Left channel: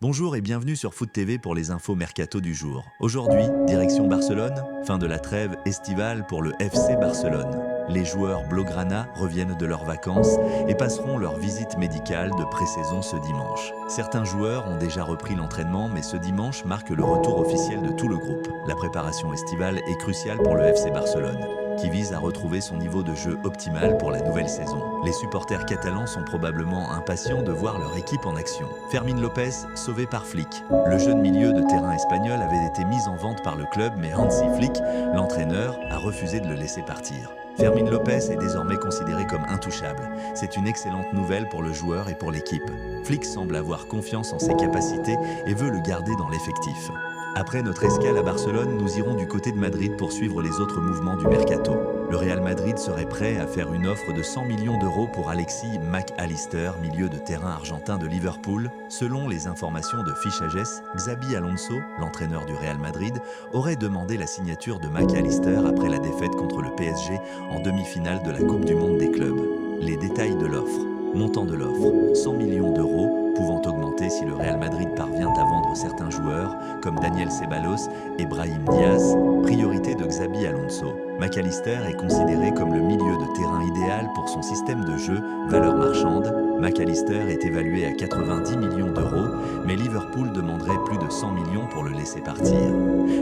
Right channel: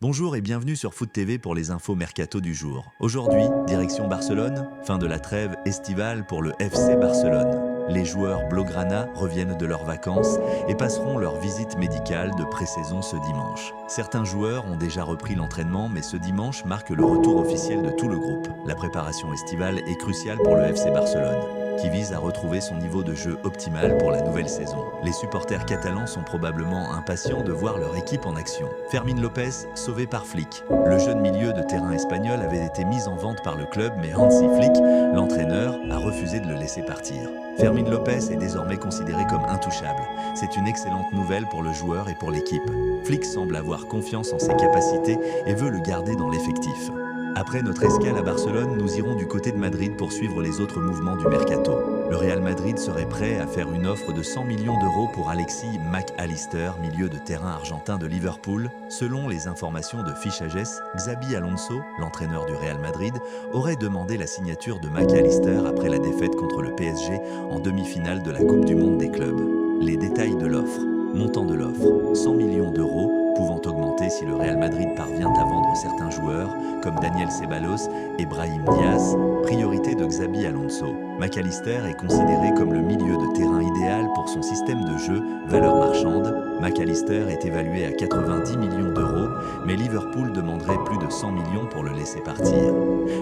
Bonjour et bienvenue sur Foot TV pour les infos mercato du jour. Aujourd'hui, direction Barcelone, fin de la trêve estivale pour le FC Barcelone. Les joueurs blaugrana reviennent de leurs vacances et passeront leur visite médicale de pré-saison ce dimanche. Certains joueurs ont déjà repris l'entraînement, mais ce dimanche marque le retour officiel de tout le groupe. La préparation estivale est cruciale pour le FC Barcelone, qui vise à retrouver son niveau de jeu optimal pour la nouvelle saison. Les supporters catalans sont probablement impatients de voir leur équipe en action. Fermín López, sauvé par Flick. Le jeune milieu de terrain espagnol avait été mis en vente par le club, mais Hansi Flick, l'entraîneur, a refusé de le laisser partir. Fermín López est désormais considéré comme intouchable. C'est une excellente nouvelle pour le joueur et pour l'équipe. Flick semble avoir confiance en ses capacités et veut le garder dans l'effectif. Après notre escale à Barcelone, nous irons du côté de Madrid pour suivre les autres mouvements du mercato. Le Real Madrid serait prêt à faire une offre de 100 millions d'euros pour Alexis Mac Allister, milieu de terrain argentin de Liverpool. Selon les informations de Fichajes, Xabi Alonso, l'entraîneur du Real Madrid, aurait demandé la signature de Mac Allister après la défaite contre le PSG en demi-finale de la Coupe du Monde des clubs. Les détails de l'offre. Montant de l'offre, 100 millions d'euros, pouvant augmenter si le Real Madrid parvient à vendre certains joueurs, comme Daniel Ceballos et Brahim Diaz, priorité de Xabi Alonso. Mac Allister est considéré comme le milieu de terrain idéal pour son système de jeu, valeur marchande. Mac Allister est évalué à 90 millions d'euros, mais Liverpool demanderait plus de 100 millions pour le laisser partir.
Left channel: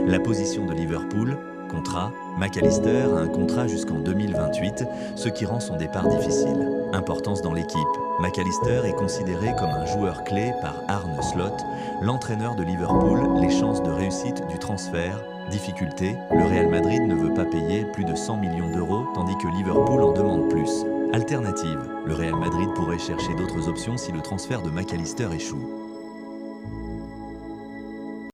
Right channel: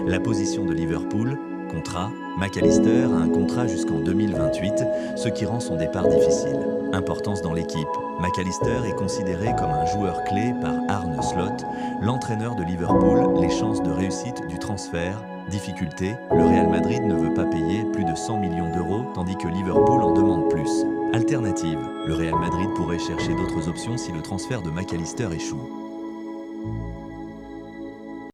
La position de Liverpool, contrat, Mac Allister a un contrat jusqu'en 2028, ce qui rend son départ difficile. Importance dans l'équipe. Mac Allister est considéré comme un joueur clé par Arne Slot, l'entraîneur de Liverpool. Les chances de réussite du transfert. Difficulté, le Real Madrid ne veut pas payer plus de 100 millions d'euros, tandis que Liverpool en demande plus. Alternative, le Real Madrid pourrait chercher d'autres options si le transfert de Mac Allister échoue.